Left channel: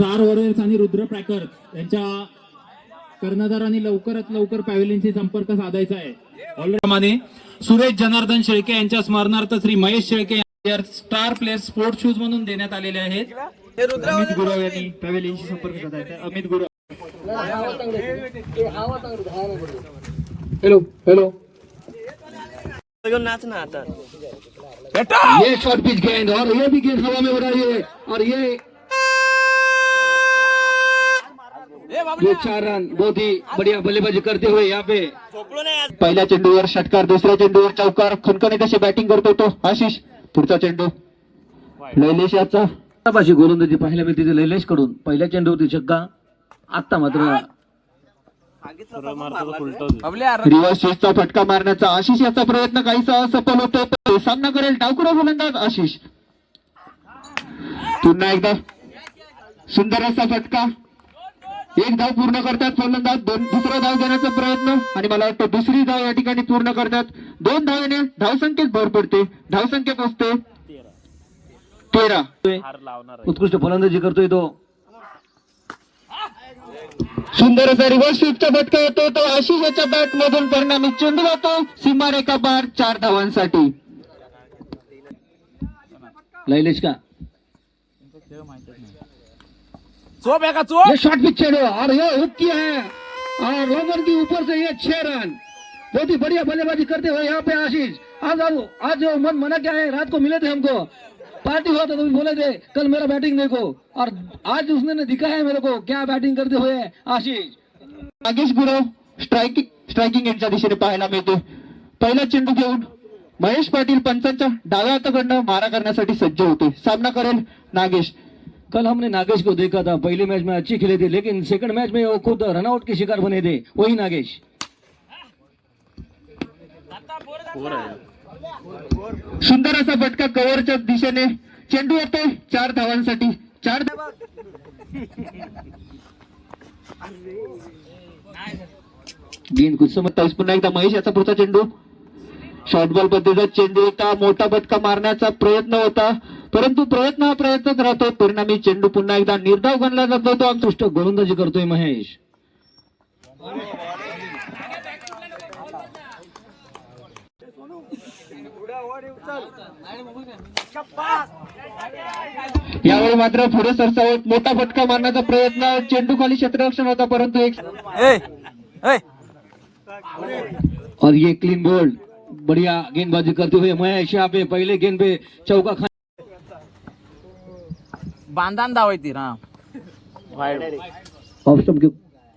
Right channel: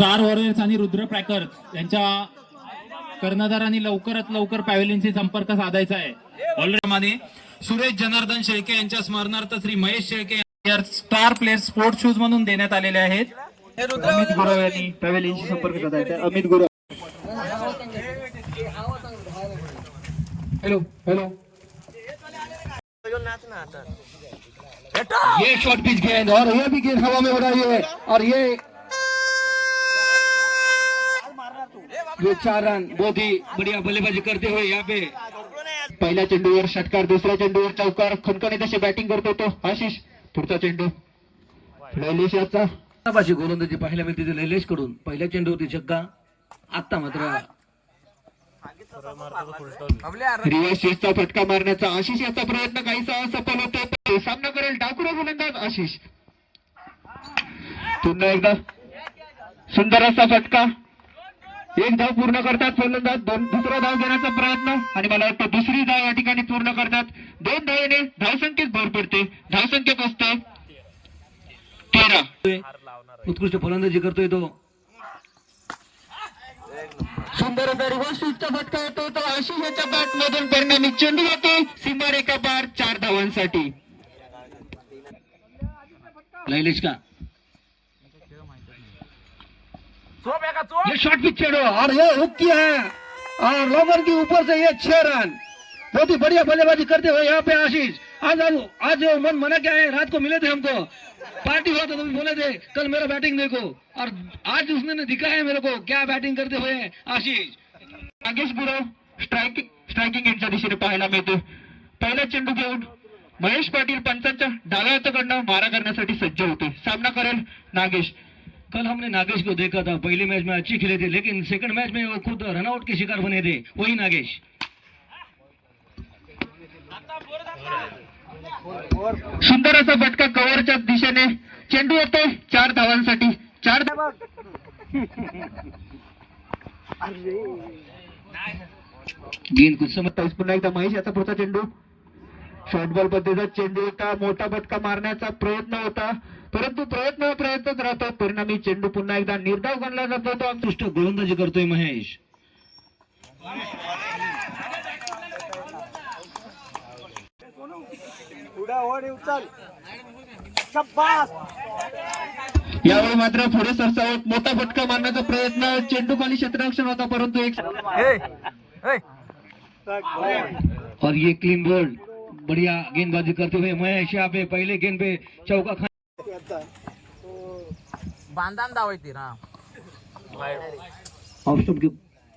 Warriors आणि रुद्र प्रॅकर्स यांच्या कर्णधारांनी लवकरात लवकर पॅव्हलियनशी संपर्क साधायचा आहे. ऑलरेडी सुरेश जनार्दन शेळके यांच्या स्मरणार्थ Shri Mahesh Shelke star player sport shoes म्हणून देण्यात आलेले आहेत. अमित गुरव यांनी पॅव्हलियनशी संपर्क साधायचा आहे. अमित गुरव. हेलो हेलो नाच ना आता. ये शॉर्ट पिच गेंद और ये भी गेंद हवा में उड़ा रही है और ये ये बोधी बढ़िया बल्लेबाजी करते हुए यहाँ पे। पहिल्या चेंडूवर षटकार दुसऱ्या चेंडूवर चौकार। खणखणीत तशी बॅटिंग करतो तो आशिष पुढचा चेंडू। लैलेश याचा। अशी गोलंदाजी पाहायला मिळते ते लैलेशकडून पहिल्या चेंडूवरती छक्का आता मात्र रिव्हर्स स्विचचा फटका मारण्याचा आशिष याचा प्रयत्न काहीसा असफल होतो सामना करेल डावकुरा गोलंदाज आशिष. पुन्हा एकदा सुंदर असा फटका. एक धाव पूर्ण करतात फलंदाज दोन दुसरा धाव घेण्याचा प्रयत्न. आणि मला वाटतं दुसरी धाव या ठिकाणी पूर्ण करतात. दोन धावेने धावसंख्येत भर पडते. धावसंख्येत असते तेरा. उत्कृष्ट फलंदाजी करतोय तो. सुंदर असा रिव्हर्स स्विपचा फटका होतो तो आशिष याच्या बॅट मधून परिणामी चेंडू जातो. सीमारेखा पार चार धावांसाठी. लैलेश का? ये शॉर्ट पिच छेड़ो और ये हुक किया है. और लॉगर के ऊपर से ये छह रन बहुत ही बढ़िया बल्लेबाजी करते हुए यहाँ पे आशीष. आज आज आज वो मन मना क्या है रात को मिले थे हमको. पार्टी हुआ था तो बोले थे कल मेरा बैटिंग देखो. और आज उसने दिखाया है मेरे को क्या बैटिंग करते हुए आशीष. नागेश गुरव स्ट्रायकिंग स्ट्रायकिंग यांच्या दिशेने पाहायला मिळतो पहिला चेंडू घेऊन महेश पाटील पंचांच्या डाव्या हाताकडनं मारा करण्यासाठी सज्ज होते सामना करेल नागेश. कल हमने नागेश को देखा था। पहले मैच में अच्छी खेले थे लेकिन सेकंड मैच में वो खुद रनआउट के शिकार बने थे। वही नागेश। सुंदर असा फटका कव्हरच्या दिशेने. चेंडू येतो चार धावांसाठी. चार धावा गेंद कुछ समजता पुन्हा एकदा महेश याचा पुढचा चेंडू. शॉर्ट बॉल पद्धतीचा चेंडू होता. मोठा फटका मारण्याचा प्रयत्न होता. परंतु प्रयत्न प्रयत्नच राहतो. परिणामी चेंडू पुन्हा एकदा निर्धाव गणला जातो. तो आमचा उत्कृष्ट गोलंदाजी करतोय महेश. यावेळी मात्र पुढे सरसावत मोठा फटका मारण्याचा प्रयत्न. चेंडू खाली क्षेत्ररक्षण होता परंतु एक और ये क्लीन बोल्ड बढ़िया गेंदबाजी करते हुए महेश यहाँ पे पहले गेंद पे चौका बांधान धावायची ना ऑफ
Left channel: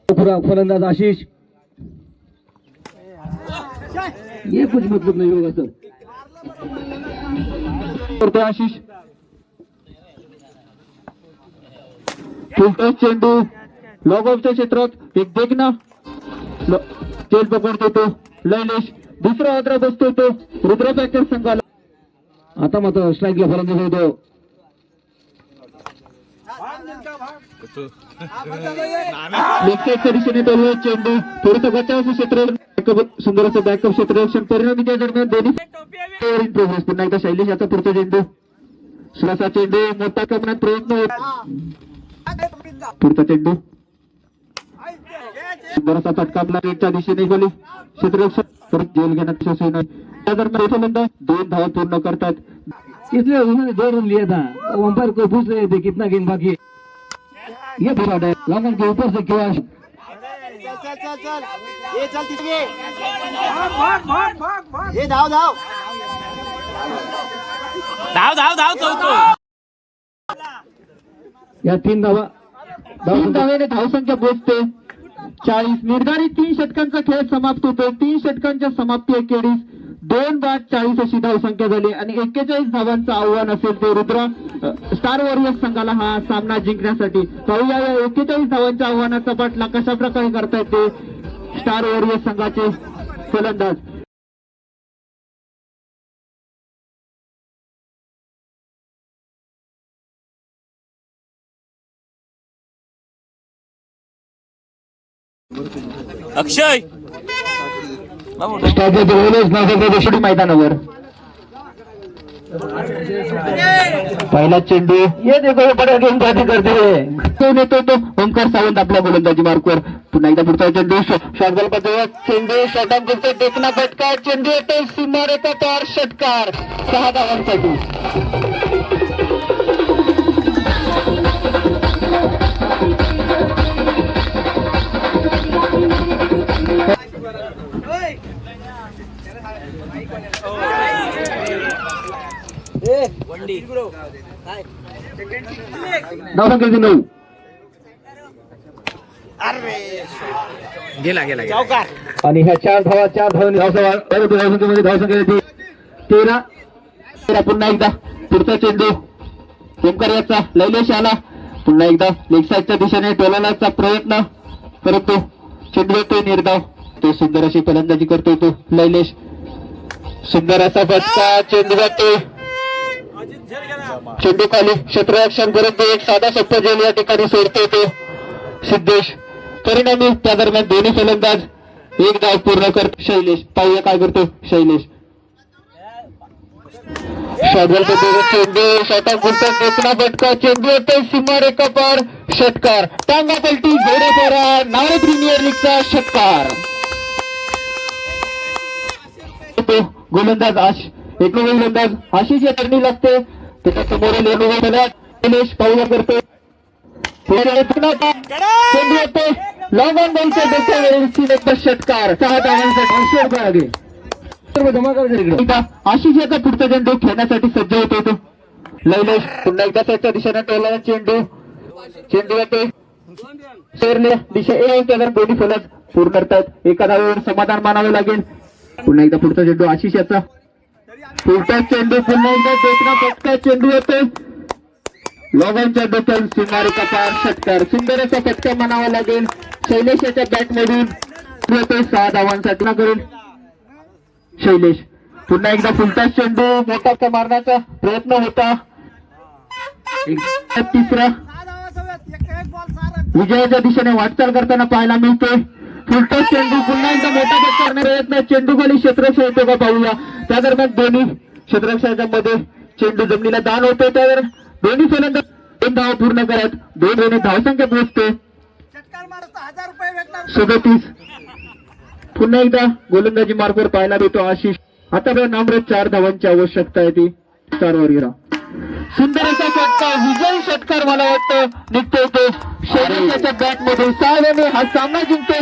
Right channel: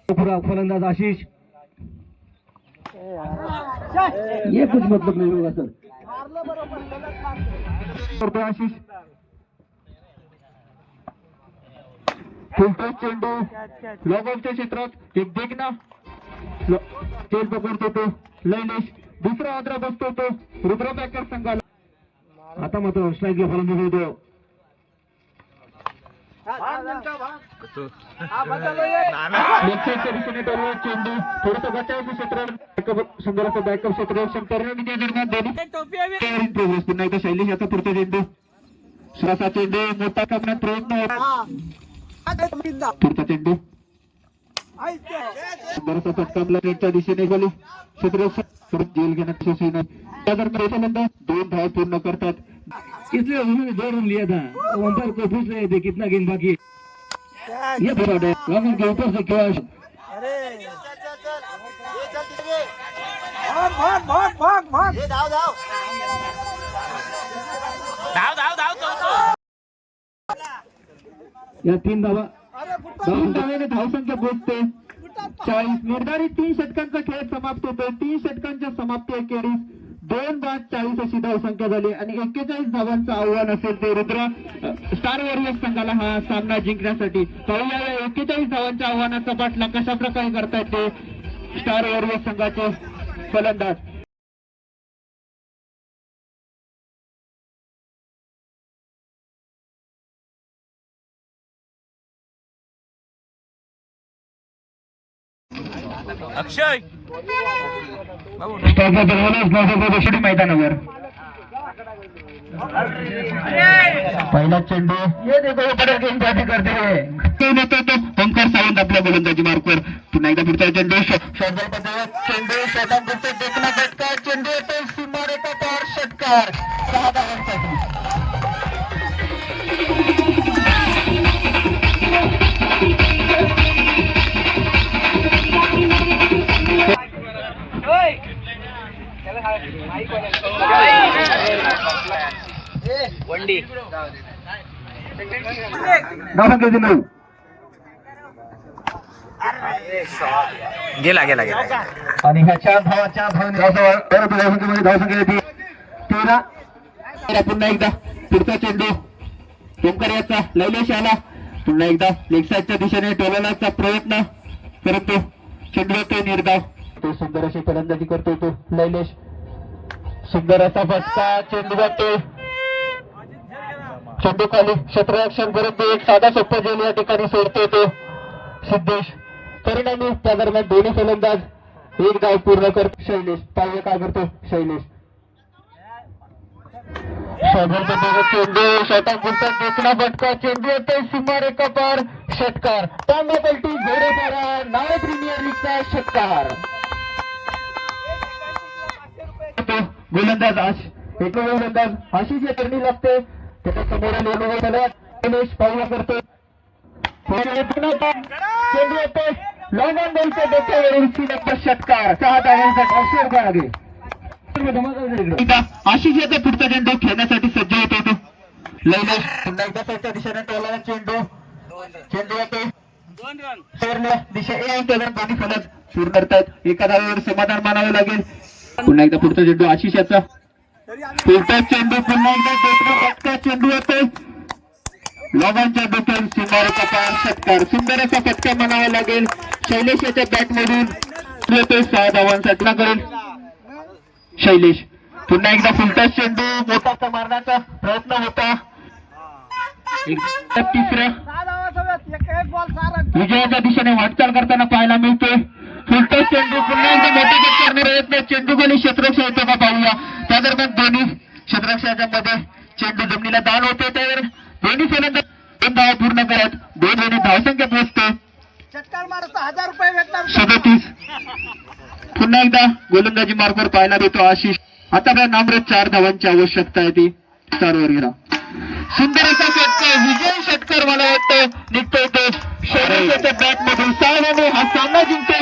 पूरा फलंदाज आशीष. ये कुछ मतलब नहीं होगा सर. करते आशीष. फिल्टर चेंडू. लॉग ऑफच्या क्षेत्रात एक देखना ल- तेल पकडतो तो लैलेश. दुसरा अद्रा बसतो तो रुद्र पॅकर संघाला आता मात्र स्ट्राईकला फलंदाज होतो चेंडू थोडंसं बचावाचं क्षेत्र सुंदर असं बॅकअप क्षेत्ररक्षण त्या दरम्यान दोन्ही प्रोग्रेस पुन्हा एकदा शैलेश याचा पुढचा चेंडू श्वासा चेंडू मोठा करण्यात प्रयत्न पुढचा चेंडू सुंदर असा फटका आपला एकच्या दिशेने झाली क्षेत्ररक्षण परत जेल घेण्यात यशस्वी नाही त्या दरम्यान दोन धाव पूर्ण करतात. इसलिए उन्होंने दो रन लिया था अंपायर को पूछ रहे थे कितना गेंद बाकी है ये बुरा डे लॉन्गन के ऊपर से क्या धाव धाव. धाव चौको या तीन धावा. तीन धाव्याने धावसंख्या पोहोचते चाळीस निर्धारित तीन षटकांचा खेळ समाप्त होतो तीन षटकांच्या समाप्ती अखेरीस दोन बाद चाळीस अशी धावसंख्या झाली आणि एक्केचाळीस धावांचं आव्हान असेल ते रुद्र स्टार वॉरियर्स संघाला हा सामना जिंकण्यासाठी. पाहूया या एक्केचाळीस धावांच्या आव्हानाचा पाठला कशा प्रकारे करतायत ते स्टार वॉरियर्स संघाचे फलंदाज. अक्षय! स्टार मैदानावर. पहिला चेंडू. ये देखो बऱ्याच गेम करते तो नेतो तो ओंकार सावंत आपल्या गोलंदाजी मार्कवर. पुन्हा एकदा पुढचा चेंडू. शार्दल पटेल चेंडू षटकांचे देखना फटका चेंडू येतो सुमारे षटकार. सहा धावांसाठी. धावा नऊ गेला गेला गेला. आणि ह्या चार धावा चार धावांनी धावसंख्या परत धावसंख्येमध्ये धावसंख्या येते तेरा. तेरा पुन्हा एकदा. पुढचा चेंडू. ओमकार याचा लैलेश आला. पुन्हा एकदा. लेग साईडच्या दिशेने टोलवण्याचा प्रयत्न करत. तो चेंडू येतो निर्धाव. तो सुंदर अशी फलंदाजी करतो तो. लैलेश सुंदर असा फटका. चेंडू जातो चेंडू खाली क्षेत्ररक्षण करत एक साधा सोपा जेल या ठिकाणी सोडतो तो. सिद्धेश परिणामी त्या दरम्यान दोन्ही फलंदाज एक डाव पूर्ण कर शैलेश पाहूया काय करतो? शैलेश. शॉटबॉल पद्धतीने चेंडू षटक गुंतून देखना फटका पार षटकार. टांगा पलटी घोडेपारा नाळी प्रीमियर लीगचा षटकार. गोलंदाज आश एक गोलंदाज आशिष या लागते त्याच्या करतो षटकार सहा धावांसाठी आशिष याचा पुढचा चेंडू खेळण्यासाठी सज्ज होतो तो लैलेश पुन्हा एकदा त्याच्या दिशेने टोलला चेंडू चेंडू येतोय दिशा ए आणि दोन्ही फलक पूर्ण करतात एका धावेवर समाधान मानावे लागेल पुन्हा एकदा पुढचा चेंडू आशिष याचा पुढचा चेंडू पुन्हा एकदा देखना फटका चेंडू येतो लॉगांच्या बद्दल सुमारेचा पार षटकार सुंदर असा फटका म्हणावा लागेल. शैलेश याच्या बॅट मधून येतोय सहा धावांसाठी ना करेल शैलेश पुन्हा एकदा फुलटा चेंडू मोठा मारण्याचा प्रयत्न होता? तिसरा. विजयाच्या दिशेने वाटचाल करताना पाहायला मिळतोय. फुलटा चेंडू पुन्हा एकदा मोठा फटका करणारा प्रयत्न. चेंडू खाली क्षेत्ररक्षण येतो का पाहूया. त्या दरम्यान दोन्ही क्षेत्ररक्षणाच्या मध्ये चेंडू जमिनीला दान होतो त्यावर दोन्ही फलंदाज दोन धाव पूर्ण करत दोन दोन्ही धावसंख्या पोहोचते. सदतीस. पुन्हा एकदा गोलंदाजी मार्गवर पाहायला देतो आशिष. आता आपल्या नामरे चार धावांची आवश्यकता आहे ती. चारवर गेला सुंदर असा षटकार विजय षटकार मला वाटतं निघतोय तो. शैलेशाच्या बॅट मधून सहा हा सामना जिंकतोय.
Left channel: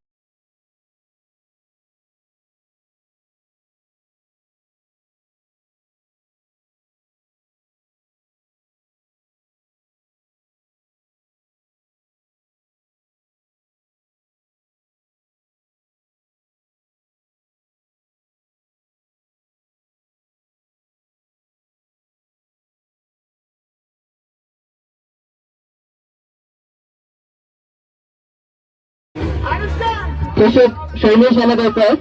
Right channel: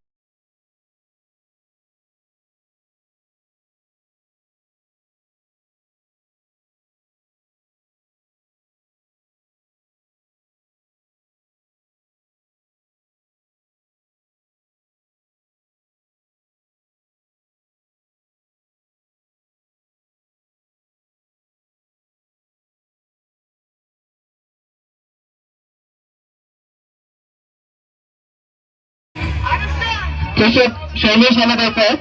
शैलेश याला द्यायचा आहे